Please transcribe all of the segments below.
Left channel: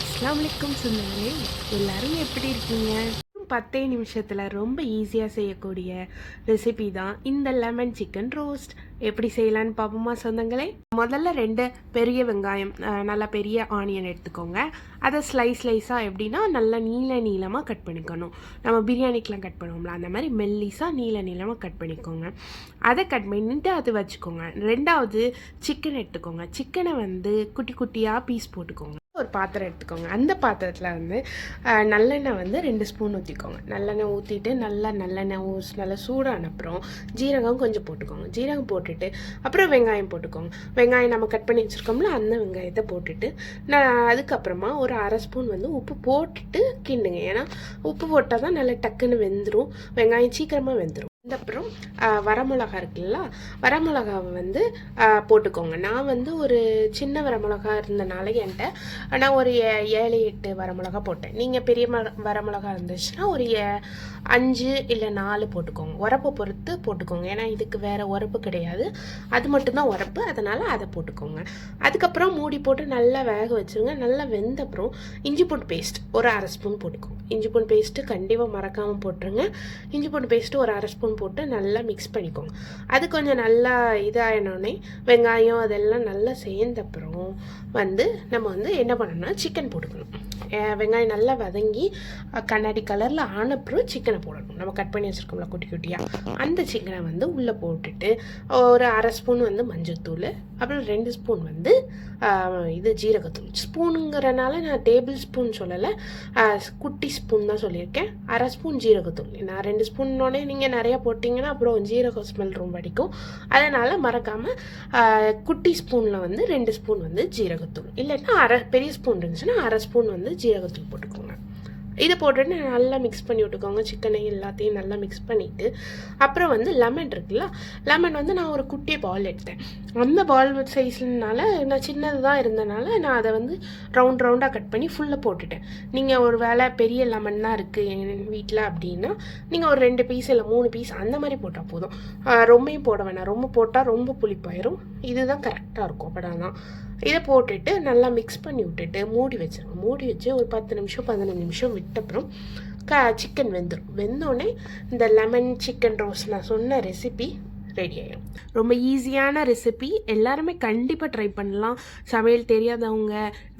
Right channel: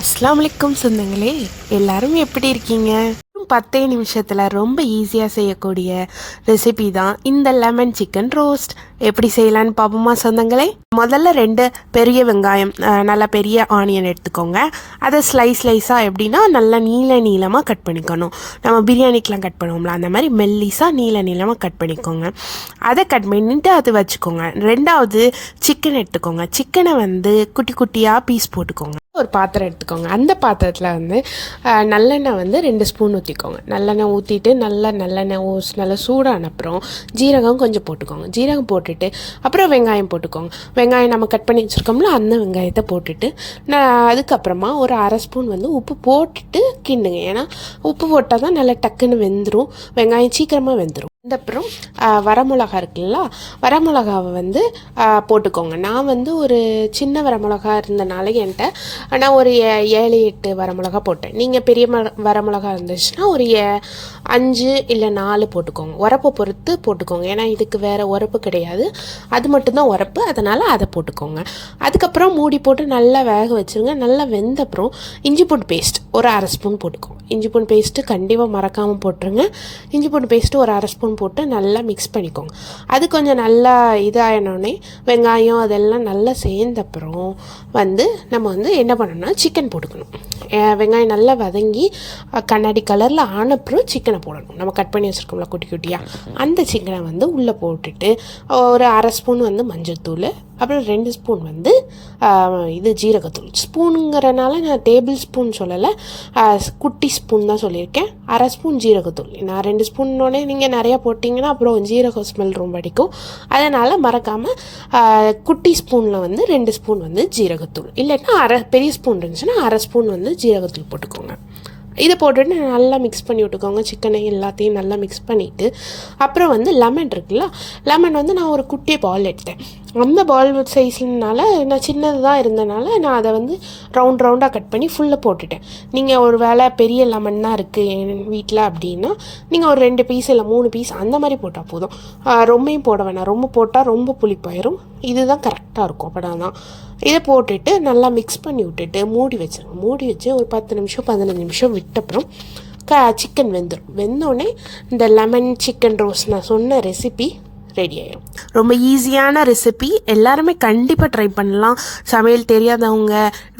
அஸ்ஸலாமு அலைக்கும் சொந்தங்களே, எல்லாரும் எப்படி இருக்கீங்க? 10 நிமிஷத்தில் ரொம்ப ஈஸியாக செய்யக்கூடிய ரெசிபி தான் இந்த லெமன் சிக்கன் ரோஸ்ட். எப்படி செய்யலான்னு பார்ப்போமா சொந்தங்களே? முதல்ல 2 பெரிய வெங்காயம், நல்லா பெரிய ஆனியன் எடுத்துக்கோங்க. அதை ஸ்லைஸாக எப்படின்னா நல்லா நீளமாக கட் பண்ணிக்கணும். நம்ம பிரியாணிக்கெலாம் கட் பண்ணுவோம்ல, அந்த மாதிரி மெல்லிஸாக நீளமாக கட் பண்ணிக்கோங்க. அதை கட் பண்ணிவிட்டு அது வச்சுக்கோங்க. 2வது சிக்கன் எடுத்துக்கோங்க. சிக்கனை குட்டி குட்டியாக பீஸ் போட்டுக்கோங்க. ஒரு பாத்திரம் எடுத்துக்கோங்க. அந்த பாத்திரத்தில் நல்லெண்ணெய் 2 ஸ்பூன் ஊற்றிக்கோங்க. நல்லெண்ணெய் ஊற்றிட்டு நல்லெண்ணெய் நல்லா சூடான அப்புறம் ஜீரகம் கொஞ்சம் போட்டுக்கோங்க. ஜீரகம் போட்டுட்டு அப்புறம் வெங்காயம் போட்டுக்கோங்க. வெங்காயம் நம்ம கட் பண்ணி வச்சுருக்கோம்ல, அந்த வெங்காயத்தை போட்டுட்டு அதுக்கப்புறமா ஒரு 1/2 ஸ்பூன் உப்பு போட்டுட்டு கிண்டுங்க. ஏன்னா உப்பு போட்டால் தான் நல்லா டக்குன்னு வெந்துடும், வெங்காயம் சீக்கிரமாக வெந்துடும். அப்புறம் வரமிளகா இருக்குல்ல, வரமிளகாவை போட்டுக்கோங்க. நான் ஒரு சின்ன வரமிளகா இருந்தனால என்கிட்ட நான் ஒரு 7-8 வரமிளகா போட்டேன். நீங்கள் பெரிய வரமிளகா இருந்துச்சுன்னா ஒரு 5 இல்லை 4 போட்டுக்கோங்க. உரப்பை பொறுத்து போட்டுக்கோங்க. ஏன்னா இதுக்கு வேறு உரப்பு கிடையாது, அது மட்டும்தான் உரப்பு, அதனால் அதை போட்டுக்கோங்க. அதுக்கப்புறம் மூடி போட்டு நல்லா வேக வச்சுருங்க. நல்லா வெந்த அப்புறம் இஞ்சி பூண்டு பேஸ்ட் ஒரு 1/2 ஸ்பூன் போட்டுக்கோங்க. இஞ்சி பூண்டு பேஸ்ட்டு கண்டிப்பாக மறக்காமல் போட்டுருங்க. இஞ்சி பூண்டு பேஸ்ட்டு ஒரு 1/2 ஸ்பூன் போட்டு நல்லா மிக்ஸ் பண்ணிக்கோங்க. அது கொஞ்சம் நல்லா இதாகினோடனே வெங்காயம் அதெல்லாம் நல்லா சேர்ந்தப்புறம் நம்ம என்ன பண்ணணும்னா சிக்கன் போட்டுக்கணும். வெங்காயம் நல்லா வதங்கி கண்ணாடி கலரில் ஆனப்புறம் சிக்கனை போடணும். நம்ம கட் பண்ணி வச்சுருக்கோம்ல குட்டி குட்டியாக, அந்த சிக்கனை உள்ளே போட்டுட்டு ஒரு 1/2 ஸ்பூன் மஞ்சள் தூள், அப்புறம் 2 ஸ்பூன் இது ஜீரகத்தூள். ஸ்பூனுங்கிறனால நான் டேபிள் ஸ்பூன் சொல்லலை, குட்டி ஸ்பூன் தான் சொல்லியிருக்கேன். 1/2 ஸ்பூன் ஜீரகத்தூள். நான் 2 ஸ்பூன்னோடனே நீங்கள் நிறையா போட்டிங்கன்னா அப்புறம் ஜீரக ஸ்மெல் ரொம்ப அடிக்கும். அதனால் மறக்காமல் குட்டி ஸ்பூனில் 2 ஸ்பூன் ஜீரகத்தூள், இல்லைன்னா பெரிய ஸ்பூன் இருந்துச்சுன்னா 1/2 ஸ்பூன் ஜீரகத்தூள் போட்டுக்கோங்க. இதை போட்டுட்டு நல்லா மிக்ஸ் பண்ணி விட்டுக்கோங்க. சிக்கனை எல்லாத்தையும் நல்லா மிக்ஸ் பண்ணிவிட்டு அப்புறம் லெமன் இருக்குல்ல, லெமன் நான் ஒரு குட்டி பால் எடுத்தேன். அந்த பால் சைஸ்னால நான் சின்னது தான் இருந்தனால நான் அதை ரவுண்டாக கட் பண்ணி ஃபுல்லாக போட்டுட்டேன். நீங்கள் ஒரு வேளை பெரிய லெமன் தான் இருக்குது என் வீட்டில் அப்படின்னா நீங்கள் ஒரு 2 பீஸ் இல்லை 3 பீஸ் அந்த மாதிரி போட்டால் போதும். ரொம்பவும் போட வேணாம், ரொம்ப போட்டால் ரொம்ப புளிப்பாயிரும். இதுதான் கரெக்டாக இருக்கும். அப்படி தான் இதை போட்டுட்டு நல்லா மிக்ஸ் பண்ணி விட்டுட்டு மூடி வச்சிருங்க. மூடி வச்சு ஒரு 10 நிமிஷம் 15 நிமிஷம் விட்டப்புறம் சிக்கன் வெந்துடும். வெந்தோடனே இந்த லெமன் சிக்கன் ரோஸ்ட் நான் சொன்ன ரெசிபி ரெடி ஆயிடும். ரொம்ப ஈஸியான ரெசிபி, எல்லாருமே கண்டிப்பாக ட்ரை பண்ணலாம். சமையல் தெரியாதவங்க,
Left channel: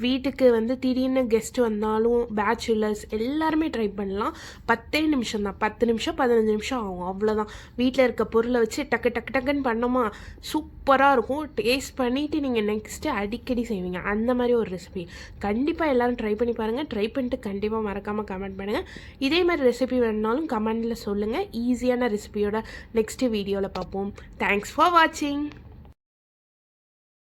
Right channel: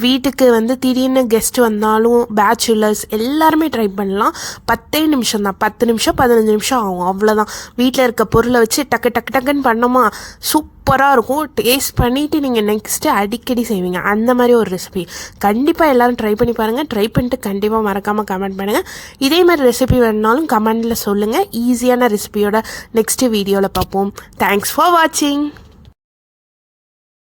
வீட்டுக்கு திடீர்னு கெஸ்ட் வந்தாலும், பேச்சுலர்ஸ் எல்லாருமே ட்ரை பண்ணலாம். 10 நிமிஷம் தான், 10 நிமிஷம் 15 நிமிஷம் ஆகும், அவ்வளோதான். வீட்டில் இருக்க பொருளை வச்சு டக்குன்னு பண்ணோமா சூப்பராக இருக்கும். டேஸ்ட் பண்ணிவிட்டு நீங்கள் நெக்ஸ்ட்டு அடிக்கடி செய்வீங்க. அந்த மாதிரி ஒரு ரெசிபி கண்டிப்பாக எல்லோரும் ட்ரை பண்ணி பாருங்கள். ட்ரை பண்ணிட்டு கண்டிப்பாக மறக்காமல் கமெண்ட் பண்ணுங்கள். இதே மாதிரி ரெசிபி வேணுனாலும் கமெண்டில் சொல்லுங்கள். ஈஸியான ரெசிபியோட நெக்ஸ்ட்டு வீடியோவில் பார்ப்போம். Thanks for watching.